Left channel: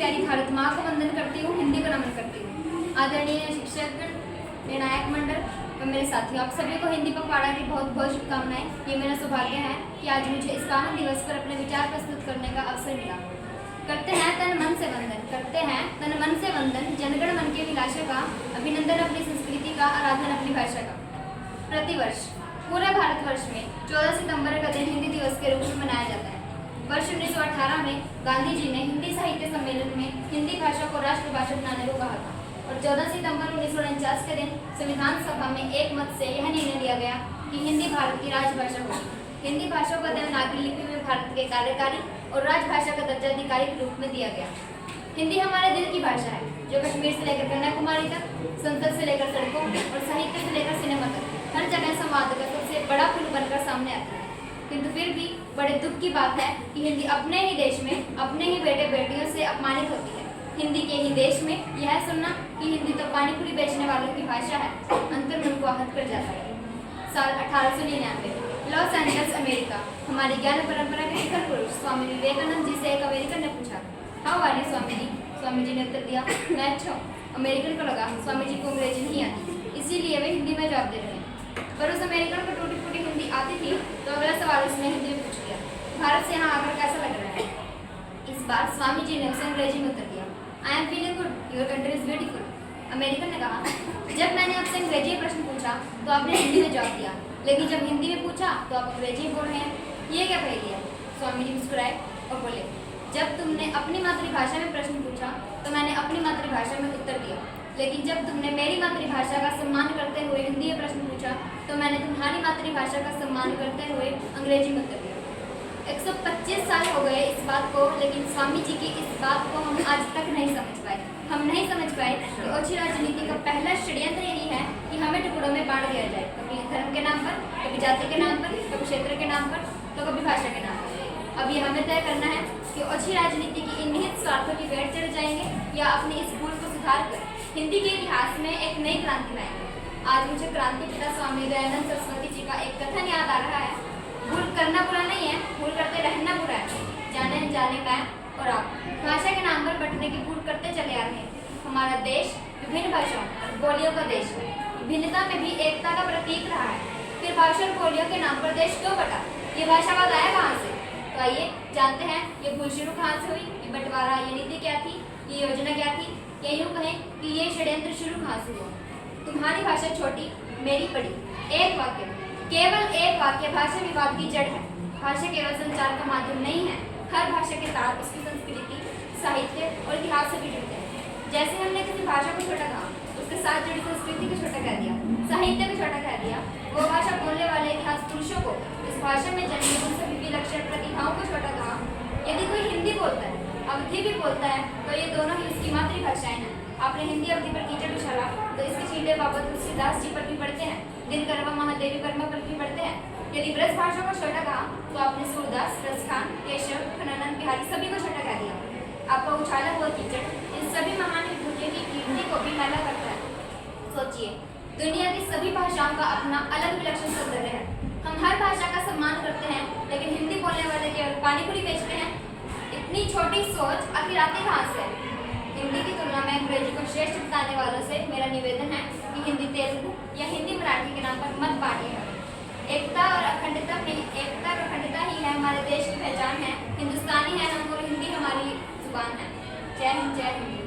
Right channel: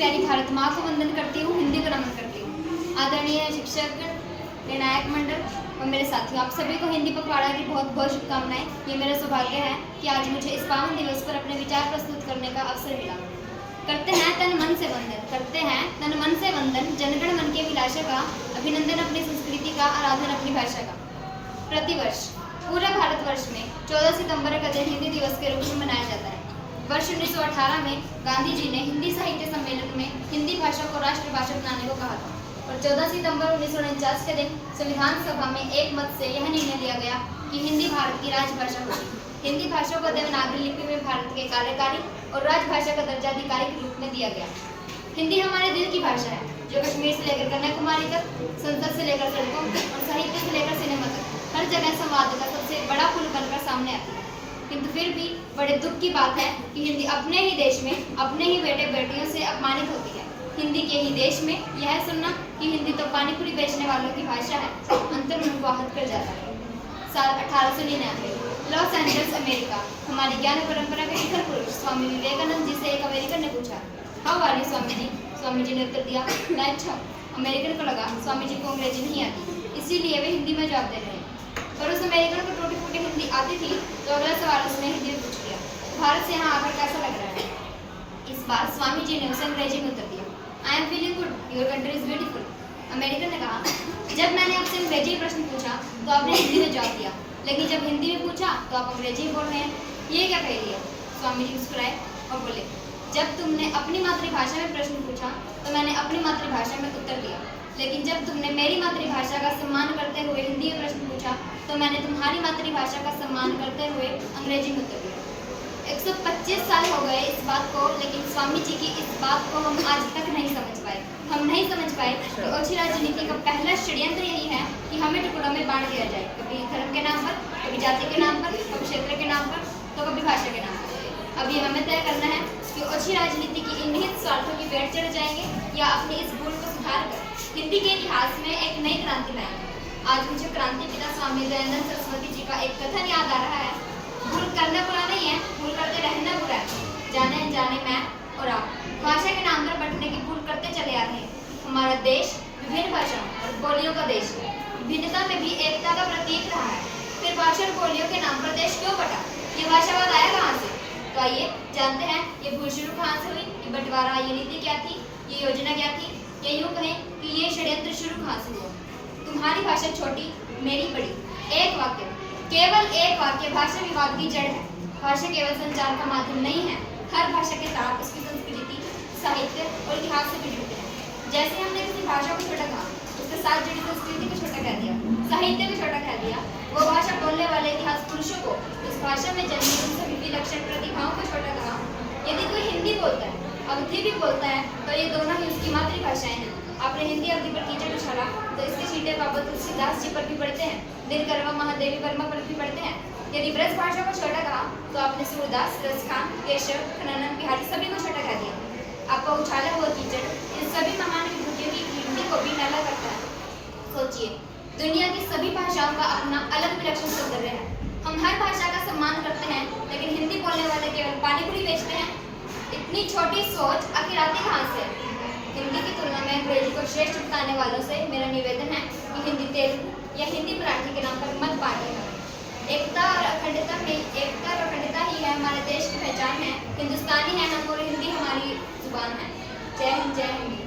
प्यारी भारत माँ को वंदन करती हूँ, हिंदी को नमन करती हूँ। आदरणीय शिक्षक, निर्णायक मंडल और मेरे साथियों, आप सभी को हिंदी पखवाड़ा की बहुत बहुत शुभकामनाएं। ये मेरा सौभाग्य है कि आज मुझे इस पावन दिवस पर अपने विचार प्रस्तुत करने का अवसर मिला। करते हैं तन मन से वंदन, करते हैं तन मन से वंदन, जनगण मन के विलासों का अभिनंदन, अपनी संस्कृति का आराधन, अपनी भाषा का। प्रतिवर्ष पूरे भारतवर्ष में 14 सितंबर का दिन हिंदी दिवस के रूप में मनाया जाता है। वर्ष 1918 में गांधी जी ने हिंदी साहित्य सम्मेलन में हिंदी भाषा को राष्ट्रभाषा बनाने को कहा था और 14 सितंबर 1949 के दिन संविधान सभा में एक मत से यह निर्णय लिया गया कि हिंदी भारत की राजभाषा होगी। हिंदी भाषा को देवनागरी लिपि में भारत के कार्यकारी और राजभाषा का दर्जा आधिकारिक रूप में दिया गया। हिंदी हमारे दिल की भाषा है, जो कश्मीर से लेकर कन्याकुमारी तक, संसद से लेकर सड़कों और साहित्य से लेकर सिनेमा तक हर जगह संवाद का सबसे बड़ा पुल बनकर सामने आती है। किंतु फिर भी बड़े दुख की बात है कि हिंदी अपने ही देश में अपने ही बेटे बेटियों से अपमानित होती है। हिंदी के ही देश में यह सुनना कि हिंदी तो पानीपुरी बेचने वालों की भाषा है, अंतर्मन को आहत कर जाता है। साल 1899, लॉस एंजल्स, अमेरिका। हमारी ज्ञान परंपरा के शिखर पुरुष स्वामी विवेकानंद जी से एक अमेरिकन ने पूछा, how are you Swami ji? Swami ji ने उत्तर दिया, मैं अच्छा हूँ। अमेरिकन को लगा स्वामी जी को अंग्रेजी नहीं आती, इसीलिए वे हिंदी में जवाब दे रहे हैं। पर उस अमेरिकन को टूटी फूटी हिंदी आती थी, तो अगला सवाल उसने हिंदी में पूछ लिया, भारत से यहाँ आकर कैसा लग रहा है? इस बार स्वामी जी ने उसे अंग्रेजी में उत्तर दिया, I am feeling good, your country is beautiful. American ने कहा, जब मैंने आपसे अंग्रेजी में प्रश्न पूछा तो आपने हिंदी में जवाब दिया, लेकिन जब हिंदी में पूछा तो आप अंग्रेजी बोल रहे हैं, ये क्या पहेली है? स्वामी जी मुस्कुराए और बोले, जब तुमने अपनी मातृभाषा में प्रश्न पूछा तो मैंने अपनी मातृभाषा में उत्तर दिया, लेकिन जब तुमने मेरी मातृभाषा का सम्मान करते हुए हिंदी में प्रश्न पूछा तो मैंने तुम्हारी मातृभाषा का सम्मान करते हुए अंग्रेजी में उत्तर दिया। 125 साल हो गए इस बात को, लेकिन स्वामी जी की इस बात को हम आज तक नहीं समझ पाए। हम नहीं समझ पाए कि ओछी राजनीति का पहला षड्यंत्र यही है कि हमें टुकड़ों में बांट दिया जाए, कभी धर्म के नाम पर, कभी जाति के नाम पर, कभी क्षेत्र के नाम पर, तो कभी भाषा के नाम पर। अभी हमें तय करना है कि ओछी राजनीति की इन निहित स्वार्थों की भेंट चढ़ जाएंगे या अपनी इस भूल को सुधार कर हिंदी के इतिहास में एक नई क्रांति लाएंगे। आज मुझे क्रांति पिता स्वामी दयानंद सरस्वती जी का एक कथन याद आ रहा है, भूल करना बुरा नहीं है, भूल करते रहना बुरा है। जाने अनजाने मैं और आप भाषा के नाम पर बंटने की भूल करते चले आ रहे हैं। हमारा देश विभिन्न भाषाओं और बोलियों का देश है, भिन्नता में भी एकता का प्रतीक रहा है। फिर भाषा और बोलियों के नाम पर देश क्यों बटा? ये भाषावाद आया कहाँ से? तो आइए जानते हैं ये भूल शुरू कहाँ से हुई, ये बंटवारा, ये नीति क्या थी, ये योजना क्या थी, या यूँ कहें कि ये षड्यंत्र शुरू कहाँ से हुआ। तुम्हारी भाषा छोटी, मेरी बड़ी। एक वाक्य, केवल एक वाक्य भाषा विवाद की जड़ है। भाषा केवल संचार का माध्यम नहीं है, हर भाषा के साथ उसकी संस्कृति, साहित्य और इतिहास से भी जुड़ते हैं। जैसे हमने किसी भाषा को छोटा कहा, उसके साथ जुड़ी संस्कृति को छोटा कह दिया, साहित्य को छोटा कह दिया, वो भाषा बोलने वाले इतिहास पुरुषों को इस भाषा में जन्मी उन सभी विलक्षण प्रतिभाओं को छोटा कहा। यदि कोई हिंदी बोलता है, अवधि भी बोलता है, तो ये दोनों ही उसकी मातृभाषाएं हैं। आपने हिंदी अवधि पर कीचड़ उछाला तो इसके छींटे बाबत तुलसीदास जी पर भी पढ़ते हैं, दिनकरवा महादेवी वर्मा पर भी पढ़ते हैं। यदि ब्रज भाषा को छोटा कहा तो आपने सूरदास, रसखान, केशव, खननन, बिहारी सभी को छोटा कह दिया। आपका उछाला हुआ कीचड़ इन सभी महान विभूतियों की हिंदी को भी मैला करता है। सोचिए, दुनिया की सभी भाषाओं का अपना अलग विलक्षण सौंदर्य है। हम हर भाषा का सम्मान करते हैं, लेकिन हिंदी बोलने वाले केवल पानीपुरी बेचते हैं। इतनी छोटी सोच आखिर आती कहाँ से? हिंदी की तुलना में अंग्रेजी को श्रेष्ठ बताने वालों से मेरा निवेदन है कि हिंदी तेलुगु या हिंदी मराठी के नाम पर मत बांटिएगा। एकता और अखंडता ही है हमारे देश की पहचान है। हिंदुस्तानी है हम और हिंदी हमारी जुबान है। जय हिंद, जय हिंद।